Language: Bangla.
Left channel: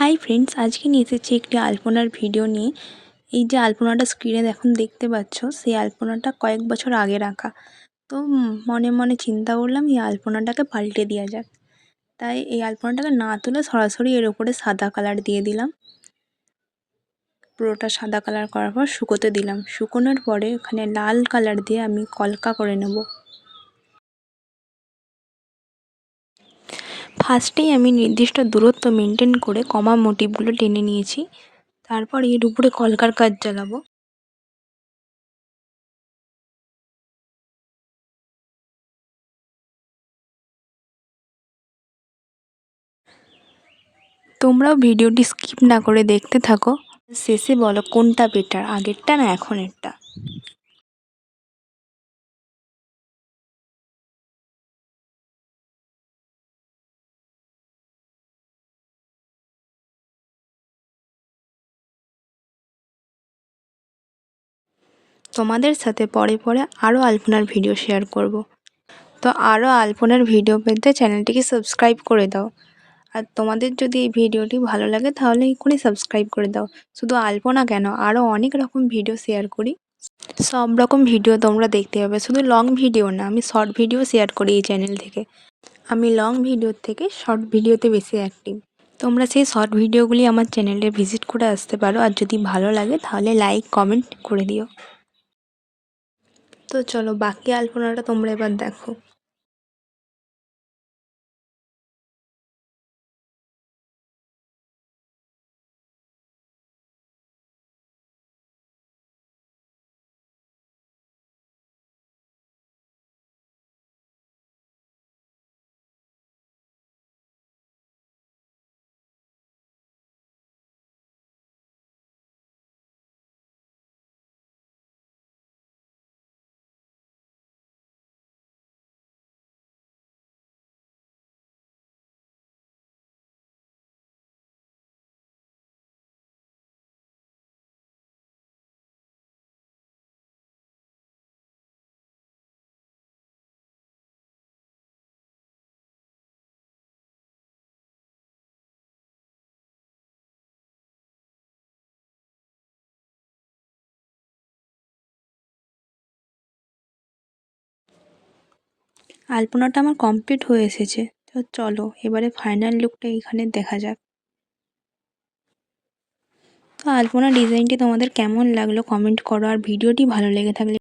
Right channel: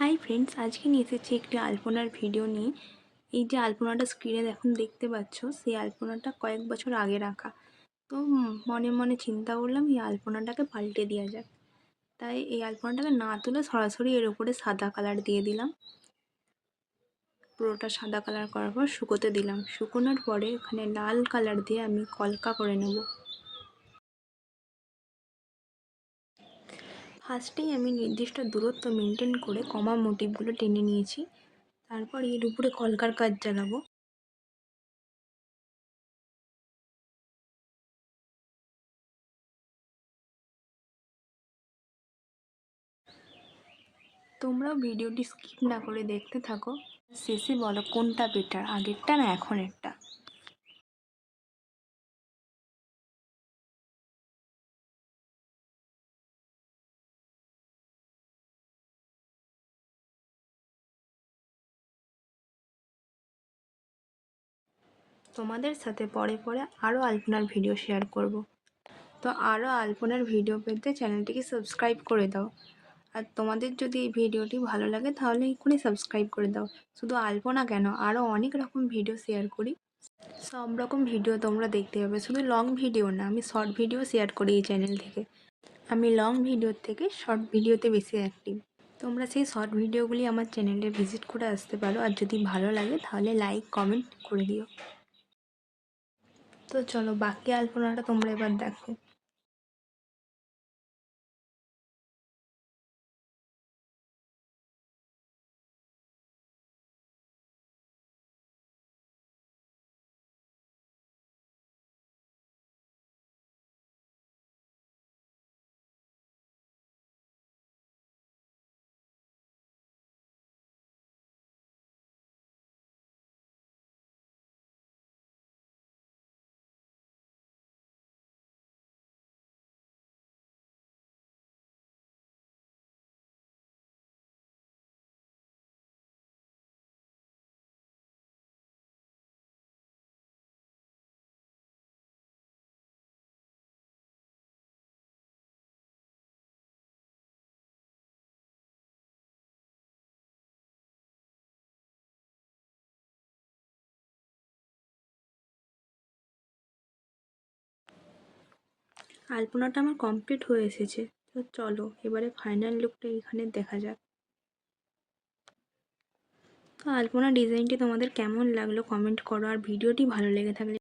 হাই ফ্রেন্ডস, আজকে নিয়ে এসেছি একটি আলপনার ভিডিও নিয়ে। এই যে আলপনাটা স্ক্রিনে এখন দেখতে পাচ্ছ, সেই আলপনাটা কয়েক বছর আগে রাখা। তো মনে মনে চিন্তা করলাম এই আলপনাটাকে পাল্টে দেওয়া যাক। তাই এই আলপনাটাকে না তুলে সরাসরি এর উপরে সাদা কালার দিয়ে দিলাম। পুরোটা সাদা কালার করার পর শুকোতে দিলাম। শুকোনোর পরে ওখানে লাল কালার দিয়ে আমি কলকা করে নেব। ফার্স্টেই আমি নির্দিষ্ট দূরত্ব মেনটেন করে কমা মোটিভগুলো টেনে নিয়েছি। তারপর এর উপরে কলকার কাজ চালাবো। তোমরাও ভিডিওটি স্কিপ না করে দেখতে থাকো। শেষে বলো কোনটা বেটার, আগেরটা না এখনেরটা। তোমাদের সাথে পরে পরে আরও আলপনার ভিডিও শেয়ার করব। তো আরও আলপনার ভিডিও পেতে চ্যানেলটিকে সাবস্ক্রাইব করে দাও। আর তোমাদের যদি এই ভিডিওটি ভালো লাগে তাহলে এক্ষুনি সাবস্ক্রাইব করে দাও। শুধু আলপনা কেন, আরও অনেক রকম ভিডিও শেয়ার করি। সব রকম ভিডিও তোমরা দেখতে পাবে, শুধু লং ভিডিও না, আমি শর্ট ভিডিও শেয়ার করি এই চ্যানেল থেকে। আমি লং ভিডিওর থেকে শর্ট ভিডিওতে বেশি অ্যাক্টিভ। তোমরা সেই শর্ট ভিডিওগুলি আমার চ্যানেলে ভিজিট করে আসতে পারো, আর যদি ভালো লাগে তাহলে লাইক কমেন্ট করে দিও। তো চলো বাকি আলপনাটা তোমরা এবার দেখো। আলপনাটা আমার কমপ্লিট হয়ে এসেছে। তো চলো এবারে ফাইনাল লুকটা এখানে দেখা যাক। তো আলপনা ডিজাইনটি তোমাদের কেমন লাগলো কমেন্ট করো, আর ভিডিওটি ভালো লেগে থাকলে